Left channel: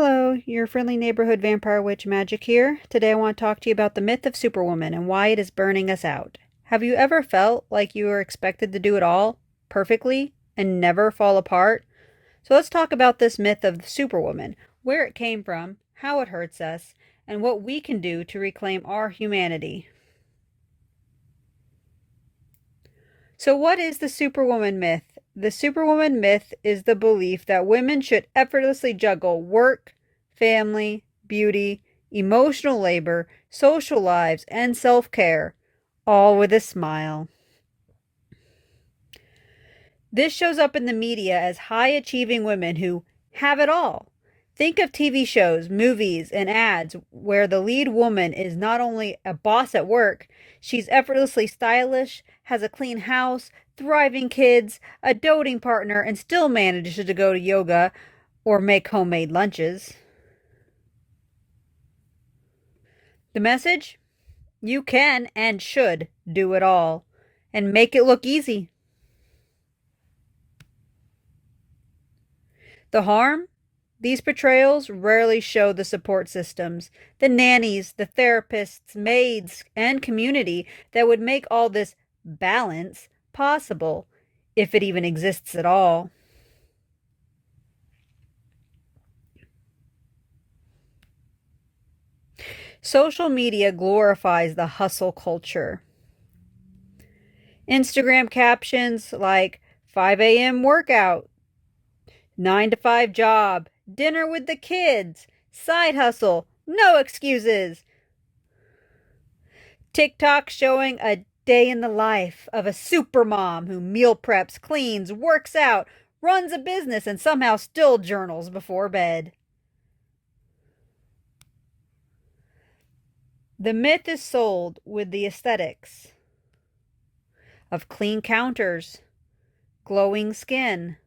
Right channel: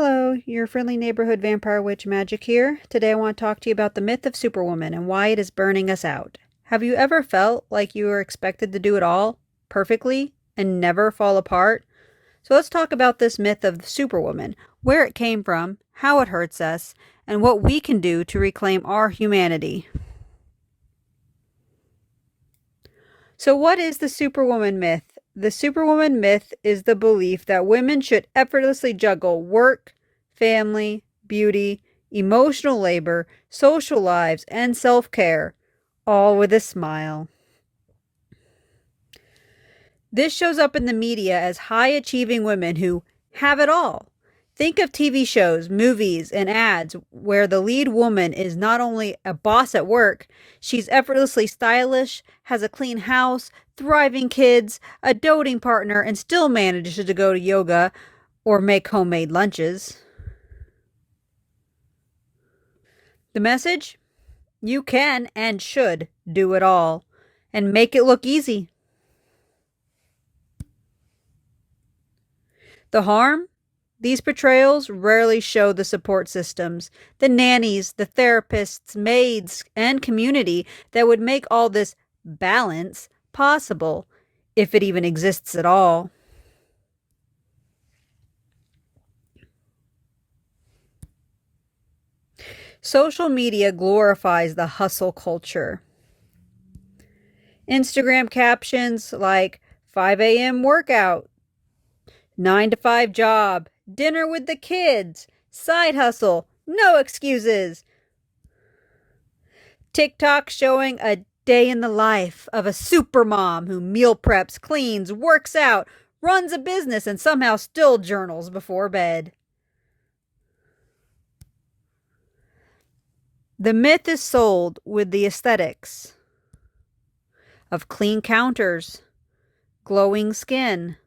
Hello, your friendly neighborhood vampire witch Magic here. Today I want to talk to you about the myth of Superwoman and why it is burning us out. Have you ever felt like you were expected to do it all perfectly and never fall apart? So let's talk about this myth of Superwoman, where it came from, how it hurts us, and what we can do to reclaim our humanity. So what is the Superwoman myth? The Superwoman myth is the belief that women should effortlessly juggle work, family, beauty, emotional labor, social lives, and self-care, all with a smile. This shows up in the media as high-achieving women who have it all. Think of TV shows, movies, and ads where the lead woman is not only a boss at work, she's effortlessly stylish, has a clean house, thriving kids, a doting partner, and still manages to go to yoga or make homemade lunches. The message? You can and should do it all and make it look easy. The harm? These portrayals rarely show the support systems, the nannies, the therapists, maids, and community that would make all this balance possible, if it even exists at all. Social media glorifies the hustle culture. Instagram captions like 5 a.m. workout, 9 to 5 job, dinner with the kids, side hustle, no excuses. TikTok showing a day in the life of a super mom who meal preps, cleans, works out, runs a business, and somehow still journals before bed. The myth is sold with the aesthetics of clean counters, glowing skin,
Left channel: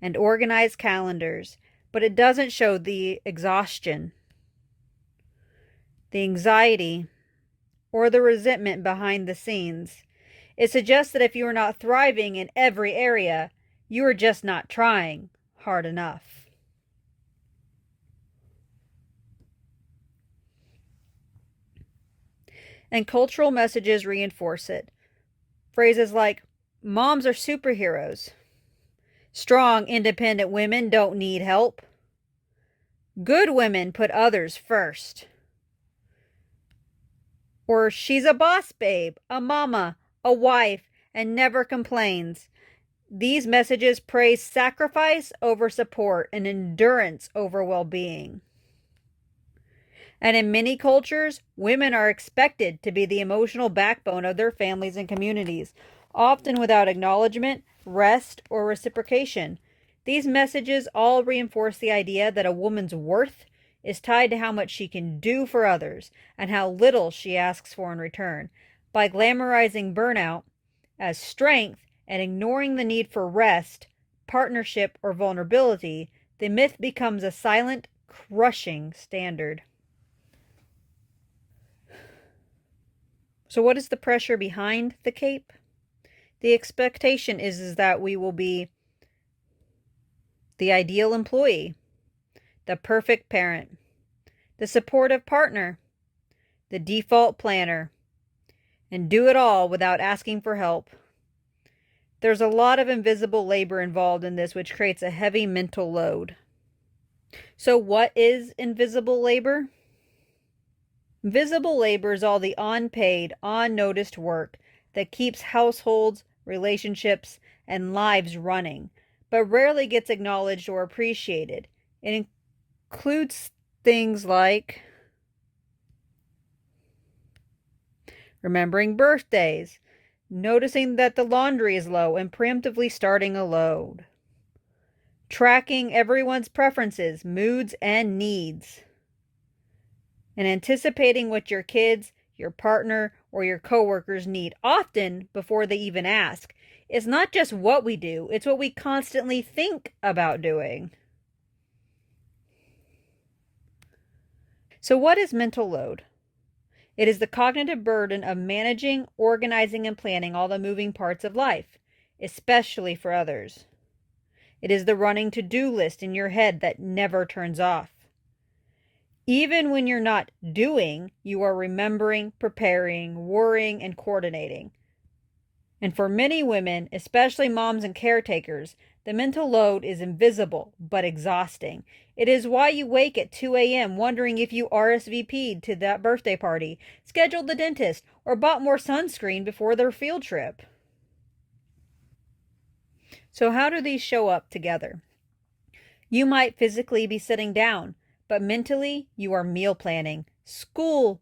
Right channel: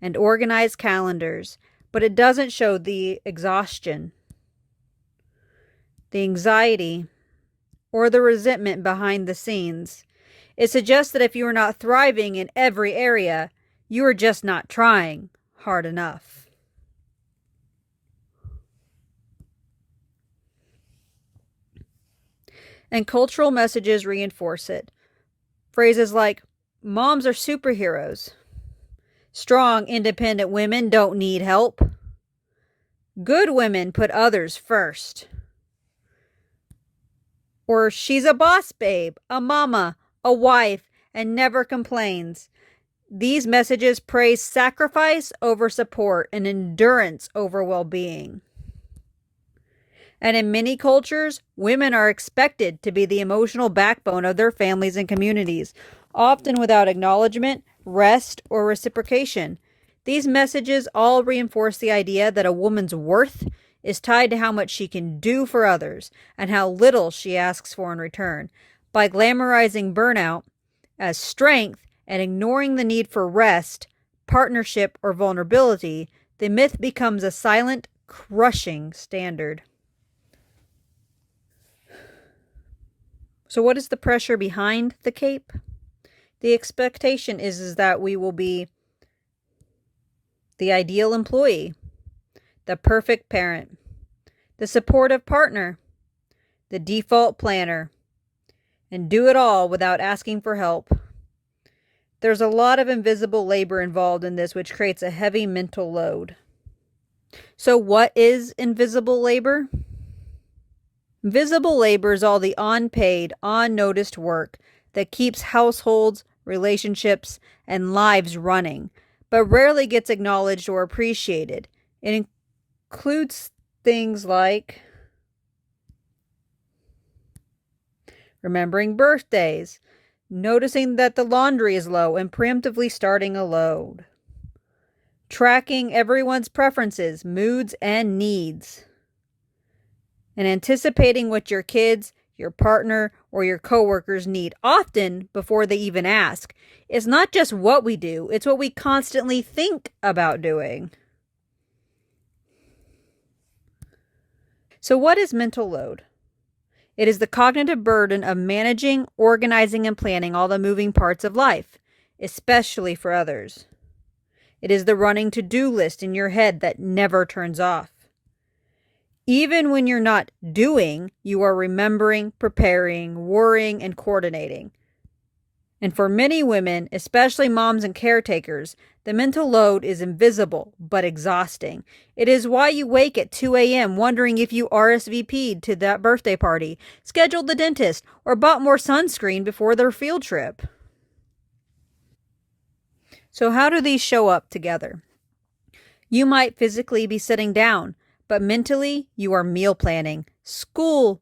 and organized calendars, but it doesn't show the exhaustion, the anxiety, or the resentment behind the scenes. It suggests that if you are not thriving in every area, you are just not trying hard enough. And cultural messages reinforce it. Phrases like, moms are superheroes. Strong, independent women don't need help. Good women put others first. Or she's a boss babe, a mama, a wife, and never complains. These messages praise sacrifice over support and endurance over well-being. And in many cultures, women are expected to be the emotional backbone of their families and communities, often without acknowledgement, rest, or reciprocation. These messages all reinforce the idea that a woman's worth is tied to how much she can do for others and how little she asks for in return. By glamorizing burnout as strength and ignoring the need for rest, partnership, or vulnerability, the myth becomes a silent, crushing standard. So what is the pressure behind the cape? The expectation is that we will be the ideal employee, the perfect parent, the supportive partner, the default planner, and do it all without asking for help. There's a lot of invisible labor involved in this, which creates a heavy mental load. So what is invisible labor? Visible labor is all the unpaid, unnoticed work that keeps households, relationships, and lives running, but rarely gets acknowledged or appreciated. It includes things like remembering birthdays, noticing that the laundry is low and preemptively starting a load, tracking everyone's preferences, moods, and needs, and anticipating what your kids, your partner, or your coworkers need, often before they even ask. It's not just what we do, it's what we constantly think about doing. So what is mental load? It is the cognitive burden of managing, organizing, and planning all the moving parts of life, especially for others. It is the running to-do list in your head that never turns off. Even when you're not doing, you are remembering, preparing, worrying, and coordinating. And for many women, especially moms and caretakers, the mental load is invisible but exhausting. It is why you wake at 2 a.m. wondering if you RSVP'd to that birthday party, scheduled the dentist, or bought more sunscreen before their field trip. So, how do these show up together? You might physically be sitting down, but mentally you are meal planning, school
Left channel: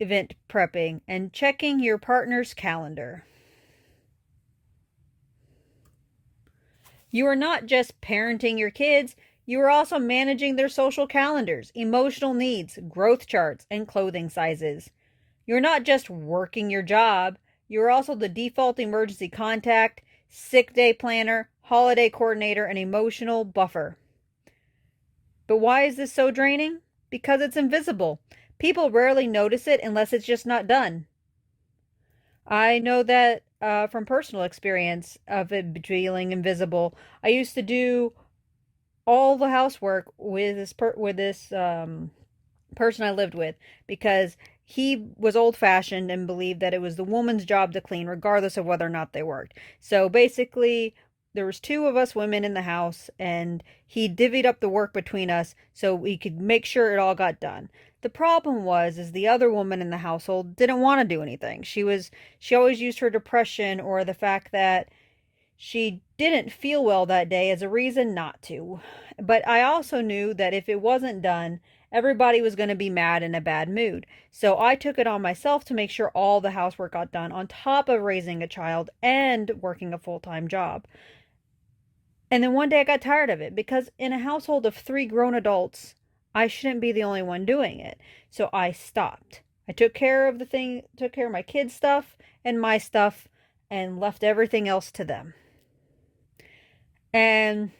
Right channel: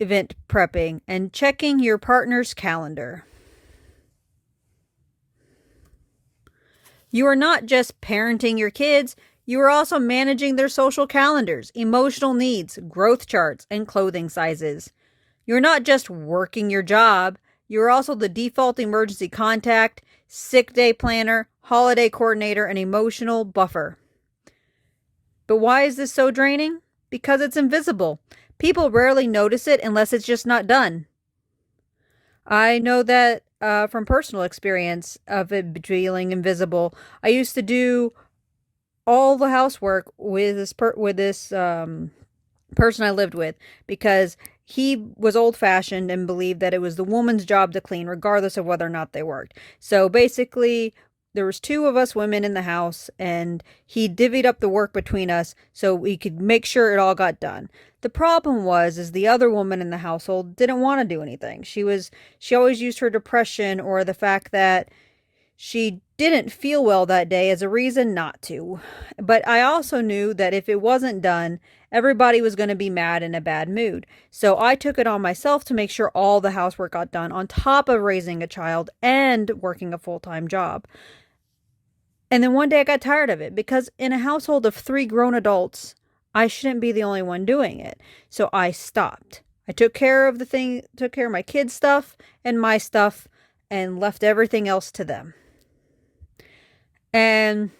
event prepping, and checking your partner's calendar. You are not just parenting your kids, you are also managing their social calendars, emotional needs, growth charts, and clothing sizes. You're not just working your job, you're also the default emergency contact, sick day planner, holiday coordinator, and emotional buffer. But why is this so draining? Because it's invisible. People rarely notice it unless it's just not done. I know that from personal experience of it feeling invisible. I used to do all the housework with this person I lived with because he was old-fashioned and believed that it was the woman's job to clean regardless of whether or not they worked. So basically, there was two of us women in the house, and he divvied up the work between us so we could make sure it all got done. The problem is the other woman in the household didn't want to do anything. She always used her depression or the fact that she didn't feel well that day as a reason not to. But I also knew that if it wasn't done, everybody was going to be mad in a bad mood. So I took it on myself to make sure all the housework got done on top of raising a child and working a full-time job. And then one day I got tired of it because in a household of 3 grown adults, I shouldn't be the only one doing it. So I stopped. I took care of my kids' stuff and my stuff, and left everything else to them. And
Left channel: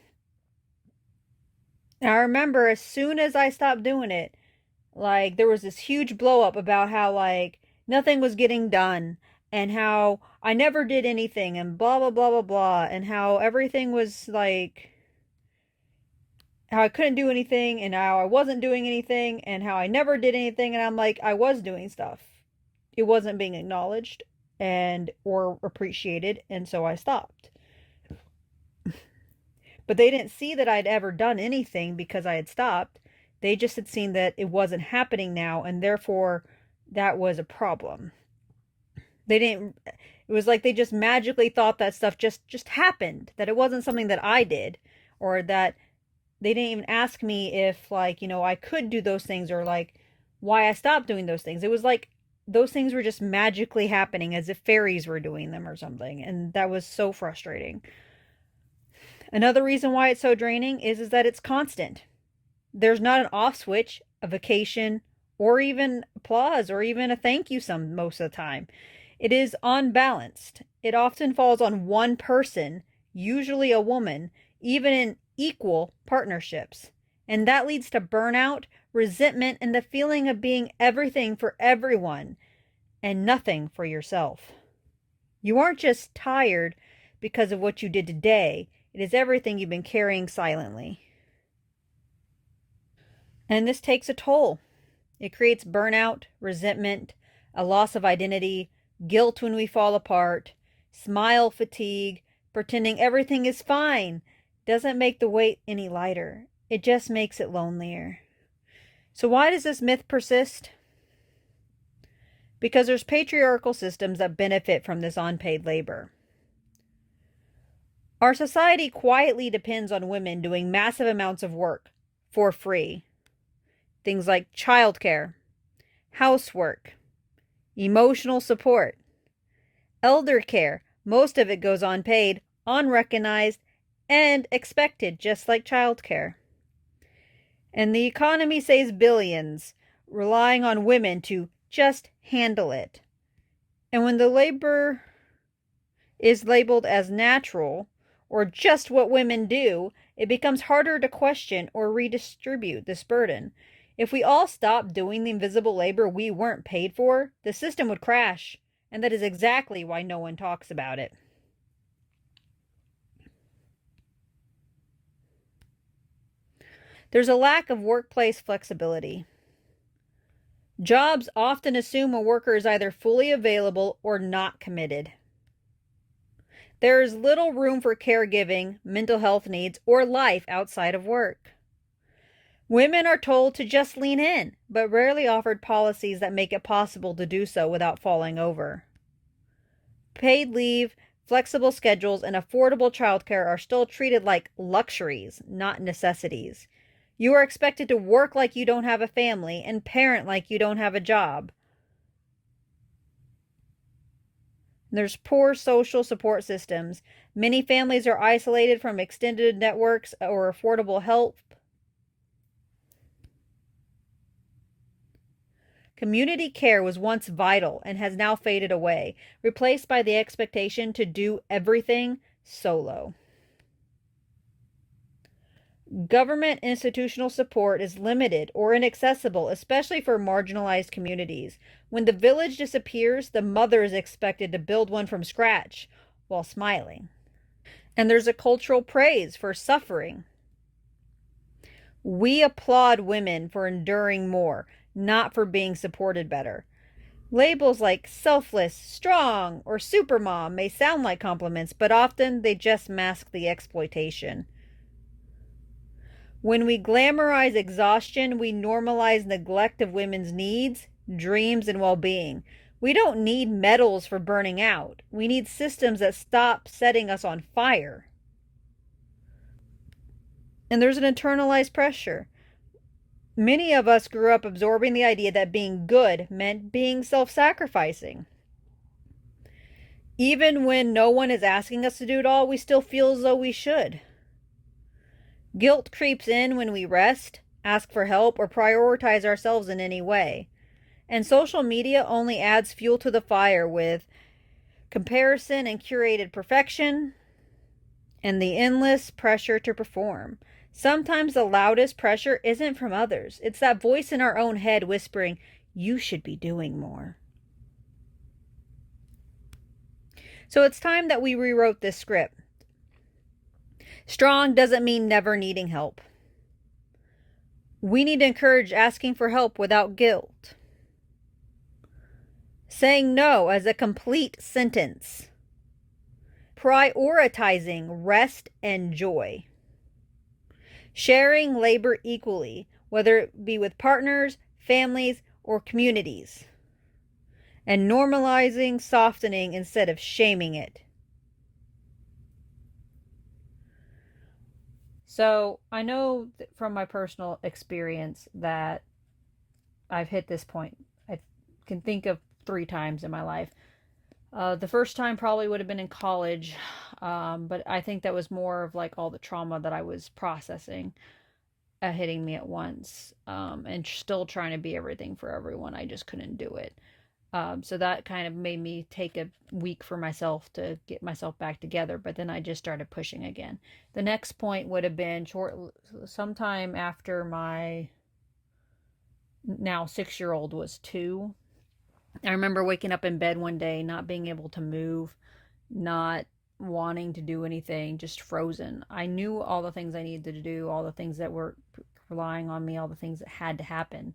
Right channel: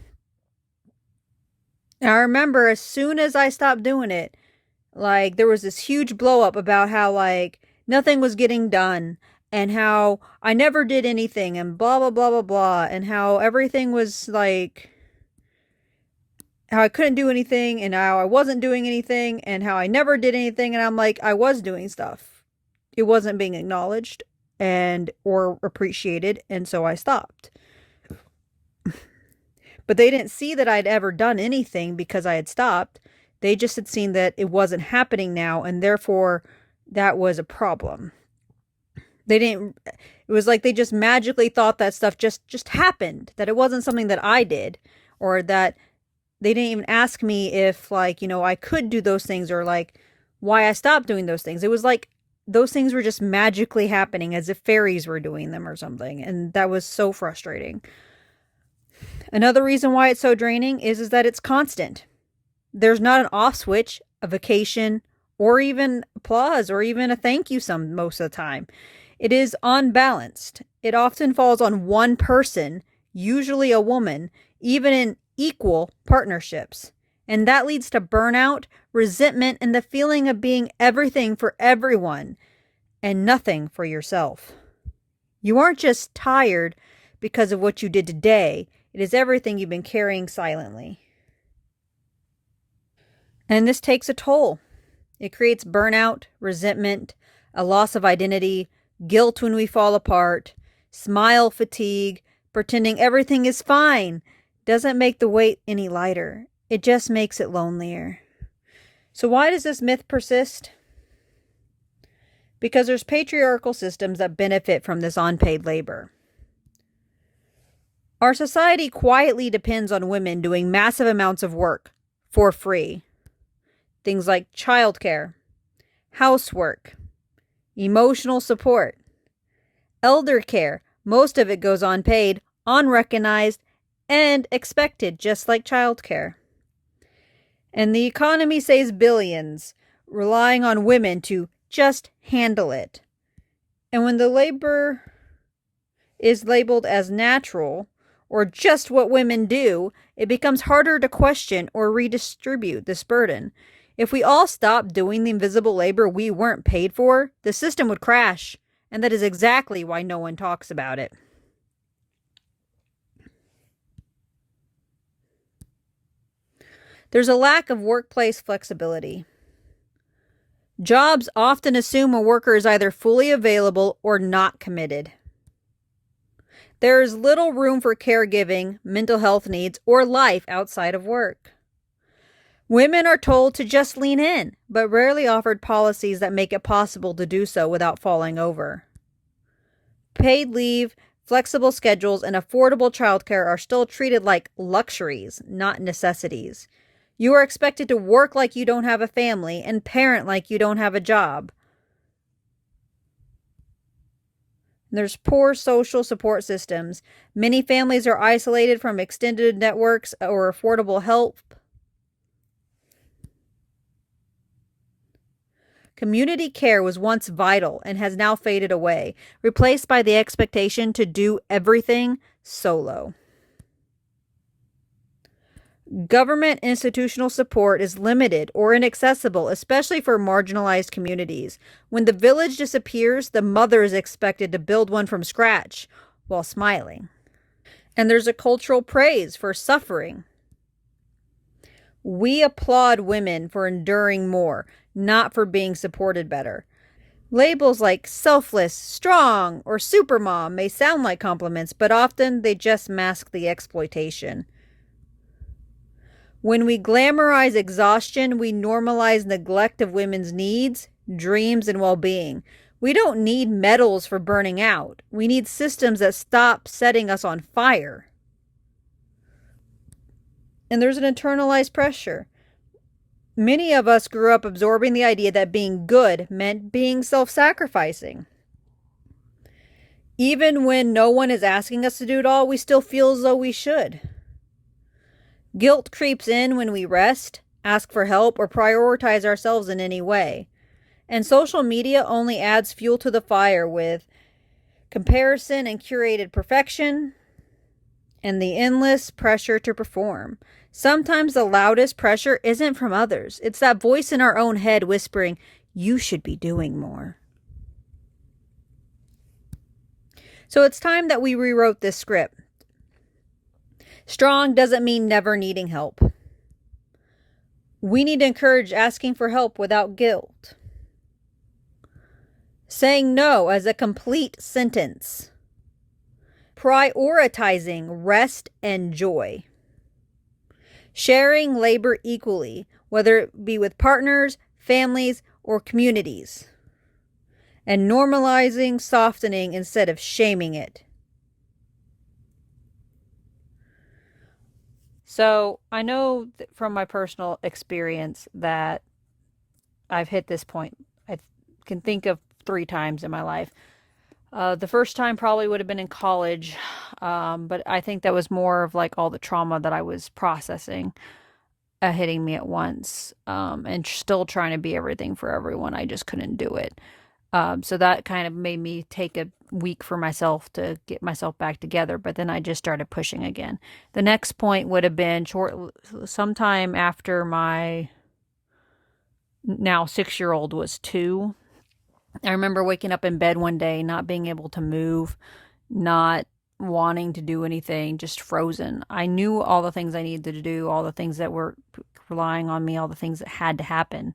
I remember as soon as I stopped doing it, like there was this huge blow up about how like nothing was getting done and how I never did anything and blah blah blah blah blah, and how everything was like how I couldn't do anything and how I wasn't doing anything and how I never did anything, and I'm like I was doing stuff. It wasn't being acknowledged and or appreciated, and so I stopped. But they didn't see that I'd ever done anything because I had stopped. They just had seen that it wasn't happening now, and therefore that was a problem. They didn't, it was like they just magically thought that stuff just happened, that it wasn't something that I did, or that they didn't even ask me if like, I could do those things, or like why I stopped doing those things. It was like those things were just magically happening as if fairies were doing them or something, and that was so frustrating. Another reason why it's so draining is that it's constant. There's not an off switch, a vacation, or even applause, or even a thank you most of the time. It is unbalanced. It often falls on one person, usually a woman, even in equal partnerships. And that leads to burnout, resentment, and the feeling of being everything for everyone and nothing for yourself. You aren't just tired because of what you did today. It is everything you've been carrying silently. And this takes a toll. It creates burnout, resentment, a loss of identity, guilt when we fall apart, smile fatigue, pretending everything is fine. Doesn't make the weight any lighter. It just makes it lonelier. So why does this myth persist? Because there's patriarchal systems that benefit from this unpaid labor. Our society quietly depends on women doing massive amounts of work for free. Things like childcare, housework, emotional support, elder care. Most of it goes unpaid, unrecognized, and expected, just like childcare. And the economy saves billions, relying on women to just handle it. And when the labor is labeled as natural, or just what women do, it becomes harder to question or redistribute this burden. If we all stopped doing the invisible labor we weren't paid for, the system would crash. And that is exactly why no one talks about it. There's a lack of workplace flexibility. Jobs often assume a worker is either fully available or not committed. There is little room for caregiving, mental health needs, or life outside of work. Women are told to just lean in, but rarely offered policies that make it possible to do so without falling over. Paid leave, flexible schedules, and affordable childcare are still treated like luxuries, not necessities. You are expected to work like you don't have a family and parent like you don't have a job. There's poor social support systems. Many families are isolated from extended networks or affordable help. Community care was once vital and has now faded away, replaced by the expectation to do everything solo. Government institutional support is limited or inaccessible, especially for marginalized communities. When the village disappears, the mother is expected to build one from scratch while smiling. And there's a cultural praise for suffering. We applaud women for enduring more, not for being supported better. Labels like selfless, strong, or supermom may sound like compliments, but often they just mask the exploitation. When we glamorize exhaustion, we normalize neglect of women's needs, dreams, and well-being. We don't need medals for burning out. We need systems that stop setting us on fire. And there's an internalized pressure. Many of us grew up absorbing the idea that being good meant being self-sacrificing. Even when no one is asking us to do it all, we still feel as though we should. Guilt creeps in when we rest, ask for help, or prioritize ourselves in any way. And social media only adds fuel to the fire with comparison and curated perfection and the endless pressure to perform. Sometimes the loudest pressure isn't from others. It's that voice in our own head whispering, "You should be doing more." So it's time that we rewrote this script. Strong doesn't mean never needing help. We need to encourage asking for help without guilt. Saying no as a complete sentence. Prioritizing rest and joy. Sharing labor equally, whether it be with partners, families, or communities. And normalizing softening instead of shaming it. So I know from my personal experience that I've hit this point. I can think of 3 times in my life. The first time probably would have been in college, but I think that was more of like all the trauma that I was processing hitting me at once, and still trying to be everything for everyone. I just couldn't do it. So that kind of made me take a week for myself to get myself back together, but then I just started pushing again. The next point would have been sometime after my now 6-year-old was 2. I remember waking up in bed one day, not being able to move, not wanting to do anything, just frozen. I knew all the things I needed to do, all the things that were relying on me, all the things that had to happen,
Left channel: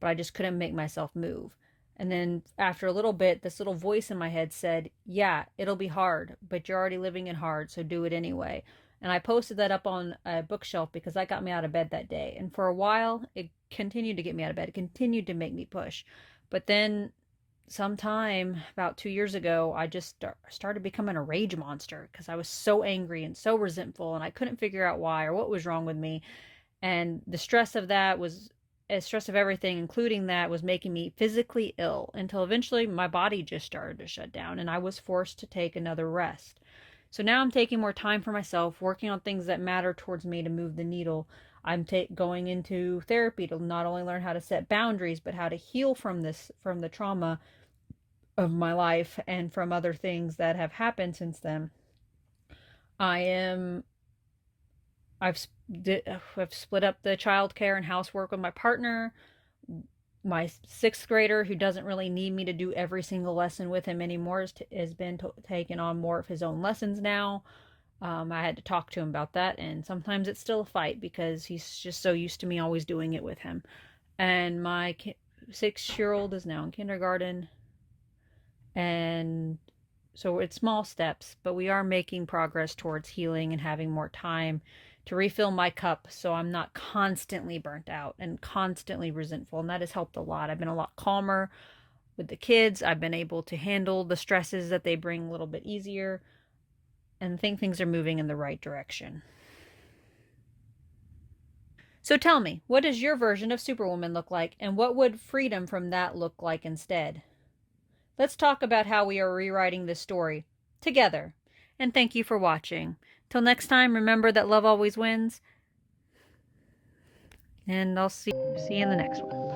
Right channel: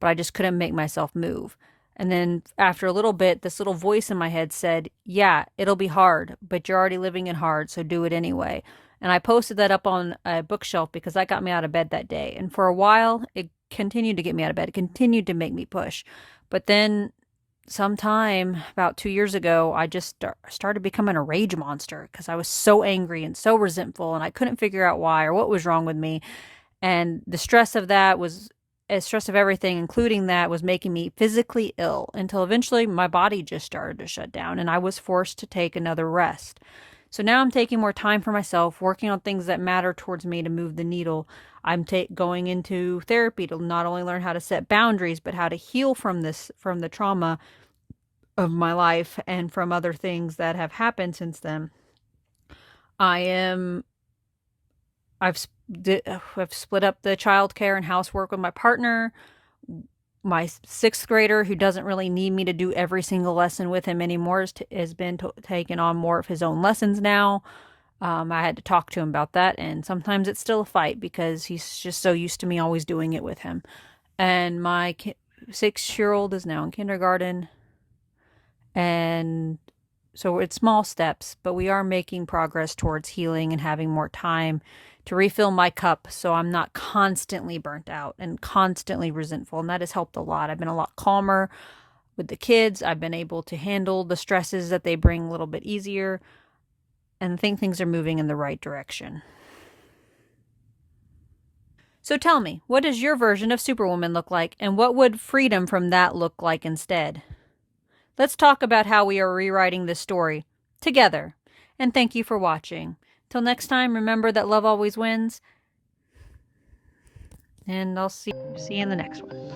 but I just couldn't make myself move. And then after a little bit, this little voice in my head said, "Yeah, it'll be hard, but you're already living it hard, so do it anyway." And I posted that up on a bookshelf because that got me out of bed that day. And for a while, it continued to get me out of bed. It continued to make me push. But then sometime about 2 years ago, I just started becoming a rage monster because I was so angry and so resentful, and I couldn't figure out why or what was wrong with me. And the stress of that was stress of everything, including that, was making me physically ill until eventually my body just started to shut down and I was forced to take another rest. So now I'm taking more time for myself, working on things that matter towards me to move the needle. I'm going into therapy to not only learn how to set boundaries, but how to heal from the trauma of my life and from other things that have happened since then. I've split up the childcare and housework with my partner. My 6th grader, who doesn't really need me to do every single lesson with him anymore, has been taking on more of his own lessons now. I had to talk to him about that, and sometimes it's still a fight because he's just so used to me always doing it with him. And my 6-year-old is now in kindergarten, and so it's small steps, but we are making progress towards healing and having more time to refill my cup so I'm not constantly burnt out and constantly resentful. And that has helped a lot. I've been a lot calmer with the kids. I've been able to handle the stresses that they bring a little bit easier and think things are moving in the right direction. So tell me, what does your version of Superwoman look like, and what would freedom from that look like instead? Let's talk about how we are rewriting this story together. And thank you for watching. Till next time, remember that love always wins. And I'll see you in the next one.